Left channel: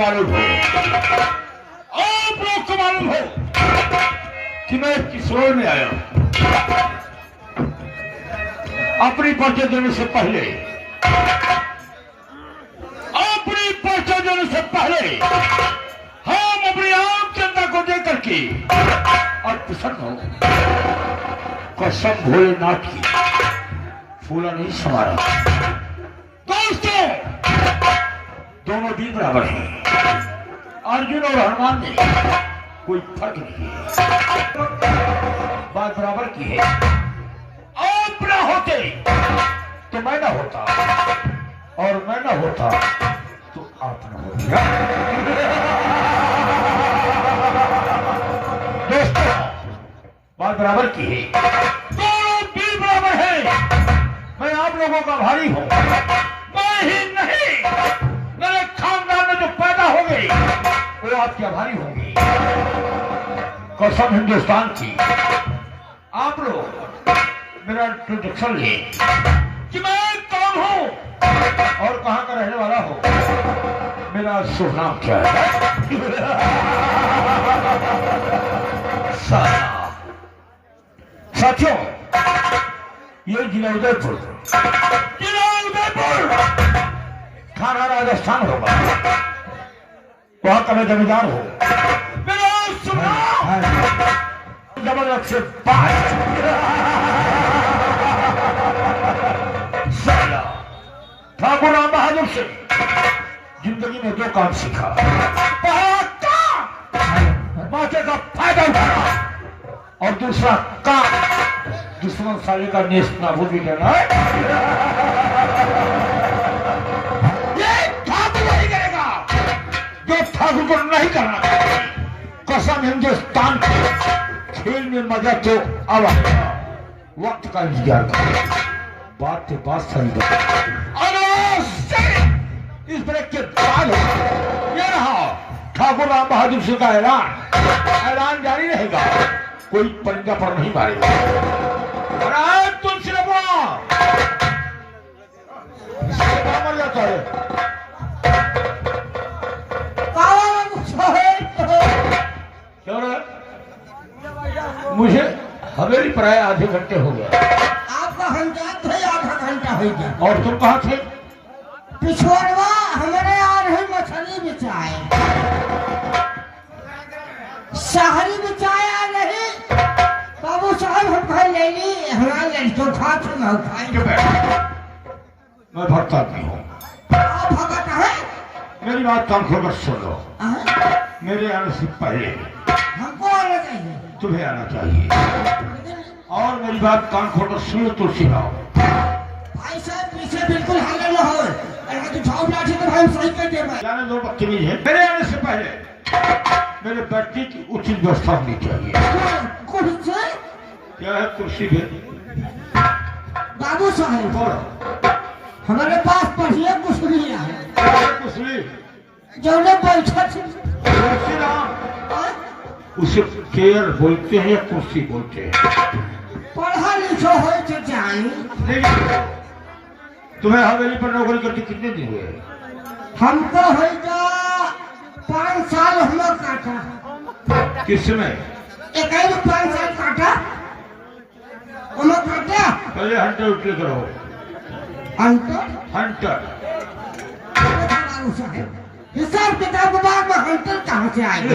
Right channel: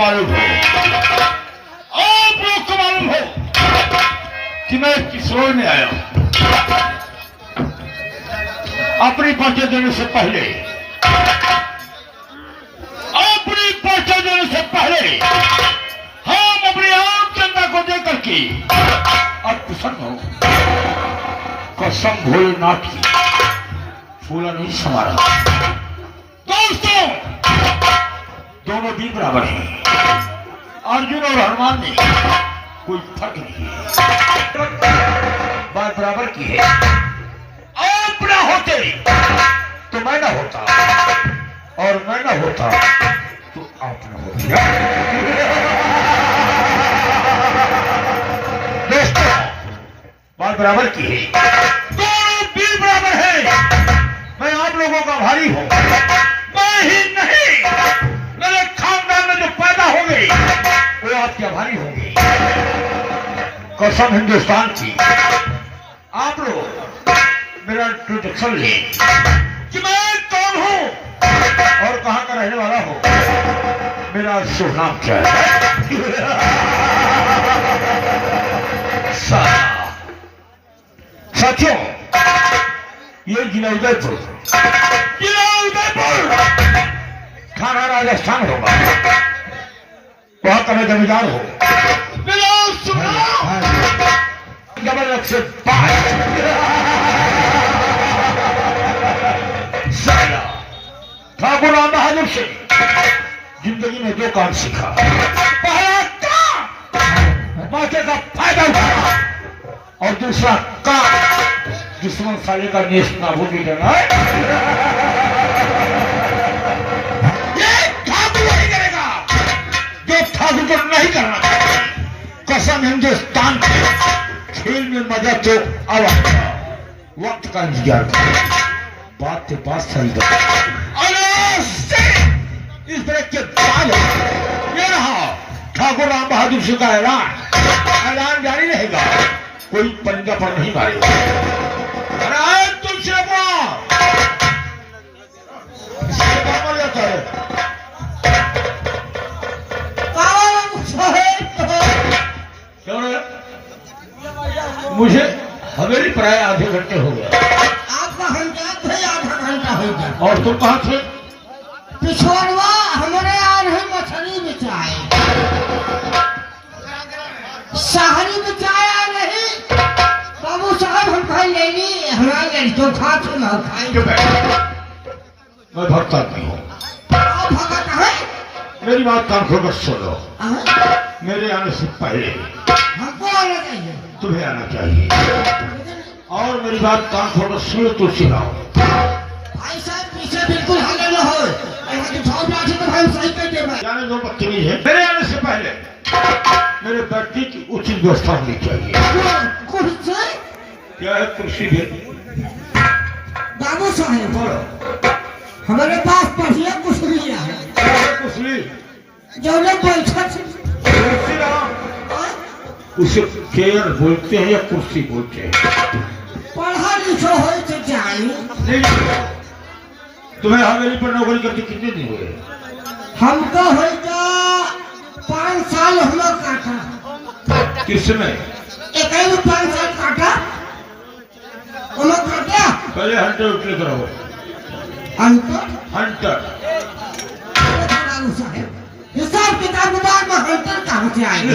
मालूम हो, आप लोग को मालूम हो कि मैं किशोर में आया हूं। अपनी परिचय देने से पहले हम अपनी आम जनता को देकर के अब प्रसन्न हो। कसम भोलेनाथ की फूला नहीं समारा। दोस्तों, दोनों भी बराबर हैं। अर्जुन और हनुमान में कोई फर्क नहीं है, बात बराबर की है। आप ना होते तो मैं ना होता, और मैं ना होता तो आप ना होते। दोस्तों, बात बराबर की है, दोनों भी बराबर है। मैं आप लोगों का भारी हूं, मैं ही नहीं, मेरे खानदान में जो पैदा होंगे वो आपके आभारी होंगे। कसम हिंदुस्तान की, आप लोग मेरा इंट्रोडक्शन लें कि मैं कौन हूं और कहां का रहने वाला हूं, मेरा शुभ नाम क्या है। साथियों, ये जिला उदयपुर थाना राजस्थान होगा, वहां का मैं जमींदार हूं। मेरा शुभ नाम जबरदस्त से ठाकुर राम बहादुर से जिंदगी में दो काम सीखा। पहला काम मौके का फायदा उठाना, और दूसरा काम दुश्मन साले का नेश नाबूद भी करना है। ये ठाकुर नहीं करेगा जो ठाकुर को नहीं करना चाहिए। कसम हिंदुस्तान के खेल में मजा तो अब वक्त का इंतजार कर, बात के बात सही कर। इस ब्रेक के बाद ये रहा ठाकुर राम बहादुर सिंह का ऐलान जारी रहेगा, कोई पंजा पर नहीं मारेगा। तुमसे मर जाता है। मुझे हवेली पर आए आधे घंटे हो गया। आपका घंटा थे, आधा घंटा हो गया। और तुम कहाँ थे? पिछोड़वा हमारे आ रहे मछली बिचाए, शहरी बिचाया नहीं। बाबू साहब हम भाई ले ली, हमारे लड़कियों खा तो ना खाएंगे। मैं भक्त आदमी हूँ। आप भगत है? मेरी बात कान खोलकर सुन लो। मेरे आने से पहले हमको आना चाहिए, तुम्हें आना चाहिए। और मेरी बात कान खोलकर सुन लो, तुलसी राव। भाई साहब पीछे बिल्कुल हाले न हो, भाई सही करके जाने दो, बदतमीज है। मेरे आने से पहले मेरे बैठने की उचित व्यवस्था होनी चाहिए। कुर्सी क्या है? कुर्सी भी। बाबू साहब बोलो। हमारे पास बढ़िया कुर्सी है। कुर्सी जो लोग बैठा तुलसी राम, उसे चेयर बोलते हैं या कुर्सी बोलते हैं? पढ़ा लिखा हो तो जानी। तुम्हें हवेली पर नौकरी करके कितने दिन हुए? हमको होगा 5 साल हम लोग काटा। किसमें? एक 5 साल काटा हम लोग काटा। पहले हंटर उठले करो। हंटर हिसाब किताब बाद में हंटर कहाँ से आएंगे?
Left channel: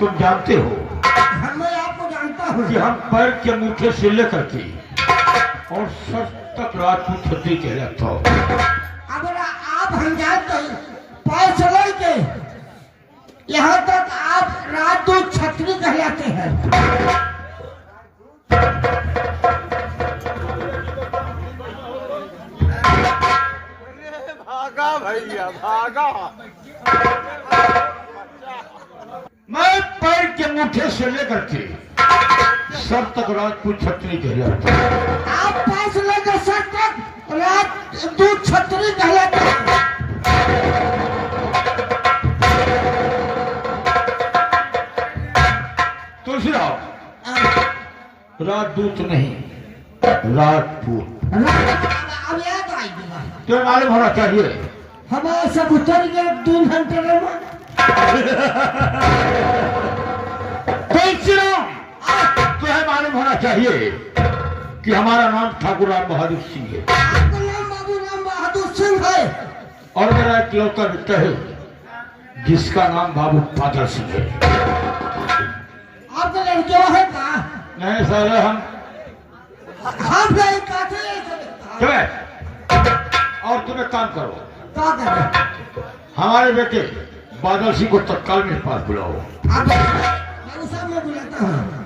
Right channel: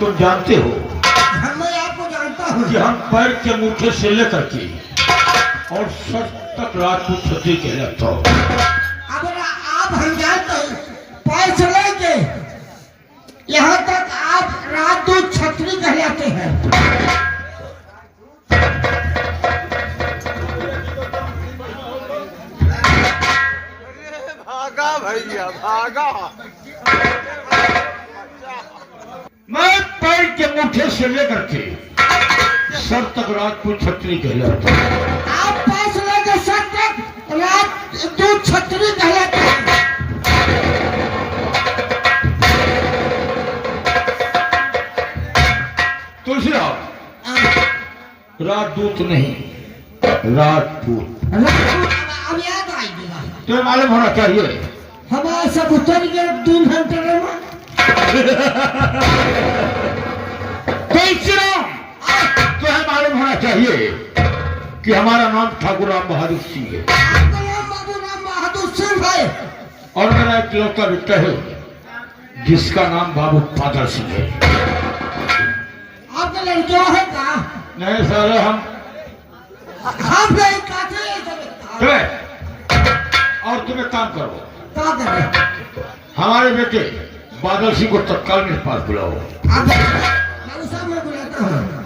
तुम जानते हो मैं आपको जानता हूँ कि हम पैर के अंगूठे से लेकर के और सर तक राजपूत छत्री कहलाता हो। अगर आप हम जानते हैं पैर से लेके यहाँ तक आप राजपूत छत्री कहलाते हैं। भागा भैया भागा। मैं पैर के अंगूठे से लेकर के सर तक राजपूत छत्री कहलाता हूँ। आप पैर से लेकर सर तक राजपूत छत्री कहलाते हैं। तुलसी राम, राजदूत नहीं, राजपूत। अब याद आएगी। तुम्हें मालूम होना चाहिए। हमारे सब उतर गए 2 घंटे में। तुम्हें मालूम होना चाहिए कि हमारा नाम ठाकुर राम बहादुर सिंह है आपका नाम बाबू राम बहादुर सिंह है। और मेरा एक लड़का बेटा है जिसका नाम बाबू पादल सिंह है। आपका लड़का है का? नहीं सारे हम नहीं कहते तुम्हें और तुम एक काम करो, क्या करें? हमारे बेटे बादल सिंह को तत्काल मेरे पास बुलाओ। मैं उस में बुलाता हूँ।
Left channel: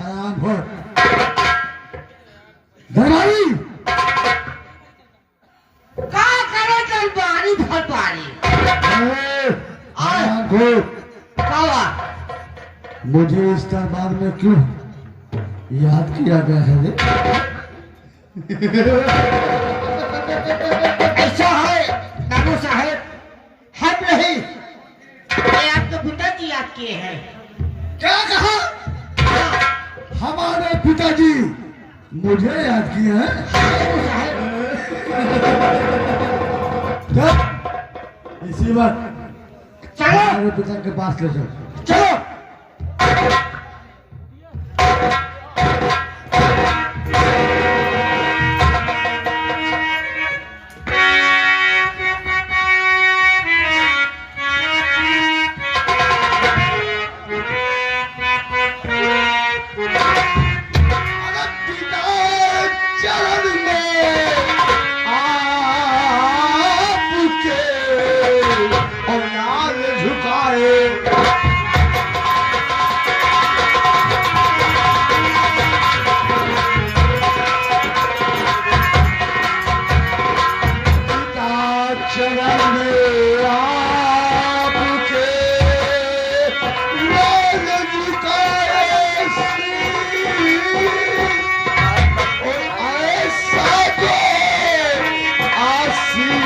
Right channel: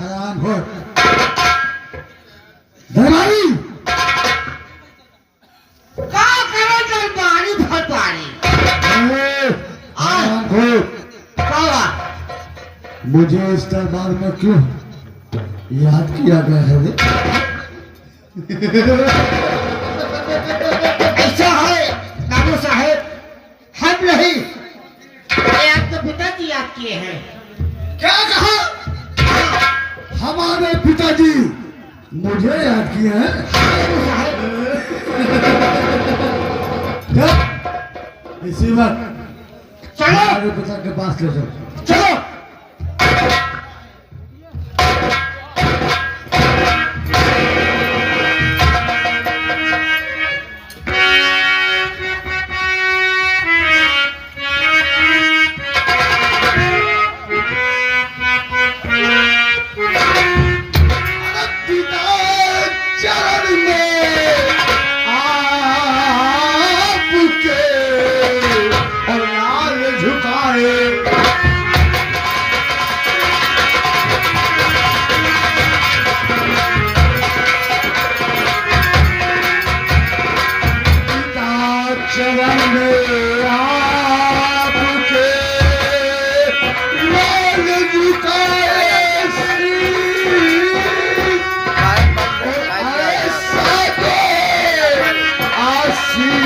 हराम हो धराई क्या करे दरबारी भरबारी? हराम हो क्या मुझे इस दरबार में क्यों याद किया गया है रे? ऐसा है बाबू साहेब, हम नहीं, ये आपके पिताजी याद किए हैं। क्या कहा? हमारे पिताजी मुझे याद किए हैं? बाबू साहेब, चल, इसी वक्त चलो हमारे पिता के पास ले जाओ। चलो। चरण में आपके और लाल झुकाए पिता चरण में आपके लाल झुकाए ऐसा दो आशीष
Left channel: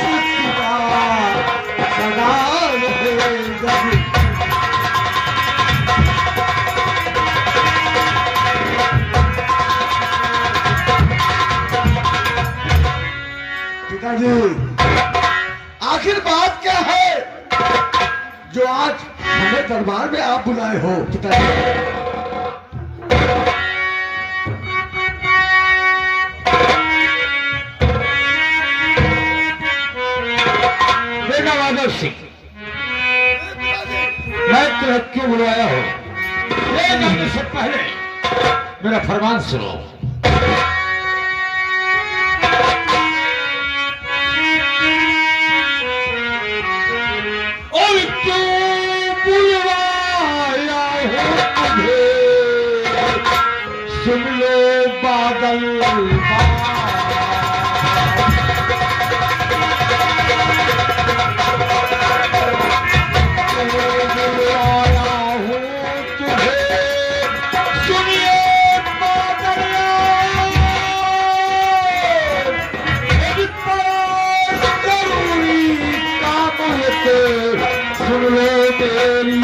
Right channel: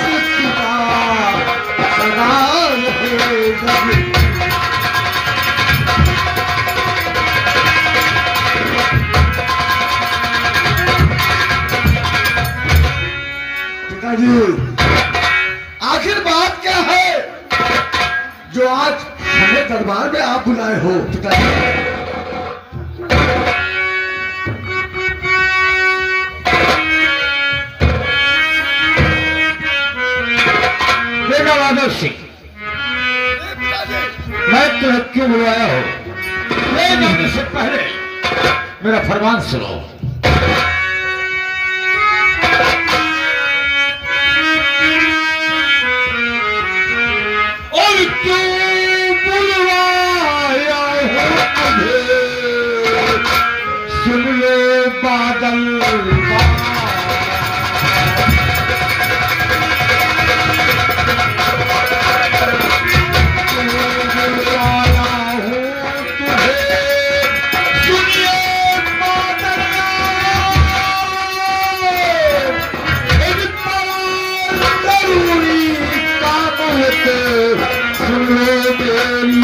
पिता सदा रहेगा। पिताजी आखिर बात क्या है जो आज हमें दरबार में आप बुलाए हो? पिताजी बेटा बादल सिंह, मैं तुम्हें क्यों बुलाया हो? मैं जानने से पहले मेरा फरमान सुनो। और क्यों बुलवाया हो मुझे, सुन लो बादल बुलवाया हूँ तुझे, सुनिए बादल, एक बड़ा जरूरी काम है, सुन लो मेरी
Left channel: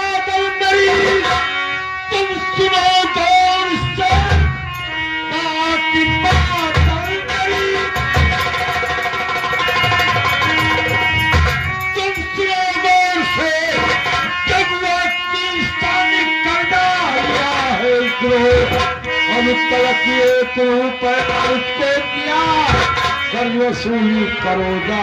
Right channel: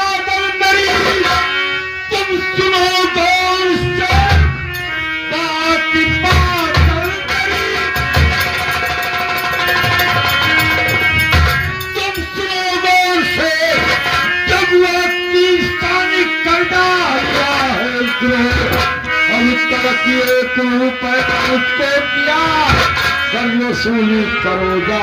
बादल मेरी, तुम सुनो गौर से बादल मेरी, तुम सुनो गौर से, जब वह तीस्तानी करना हुआ है उसको, और इस तरह की एक रूप है उसको दिया, करियो सूली करोजा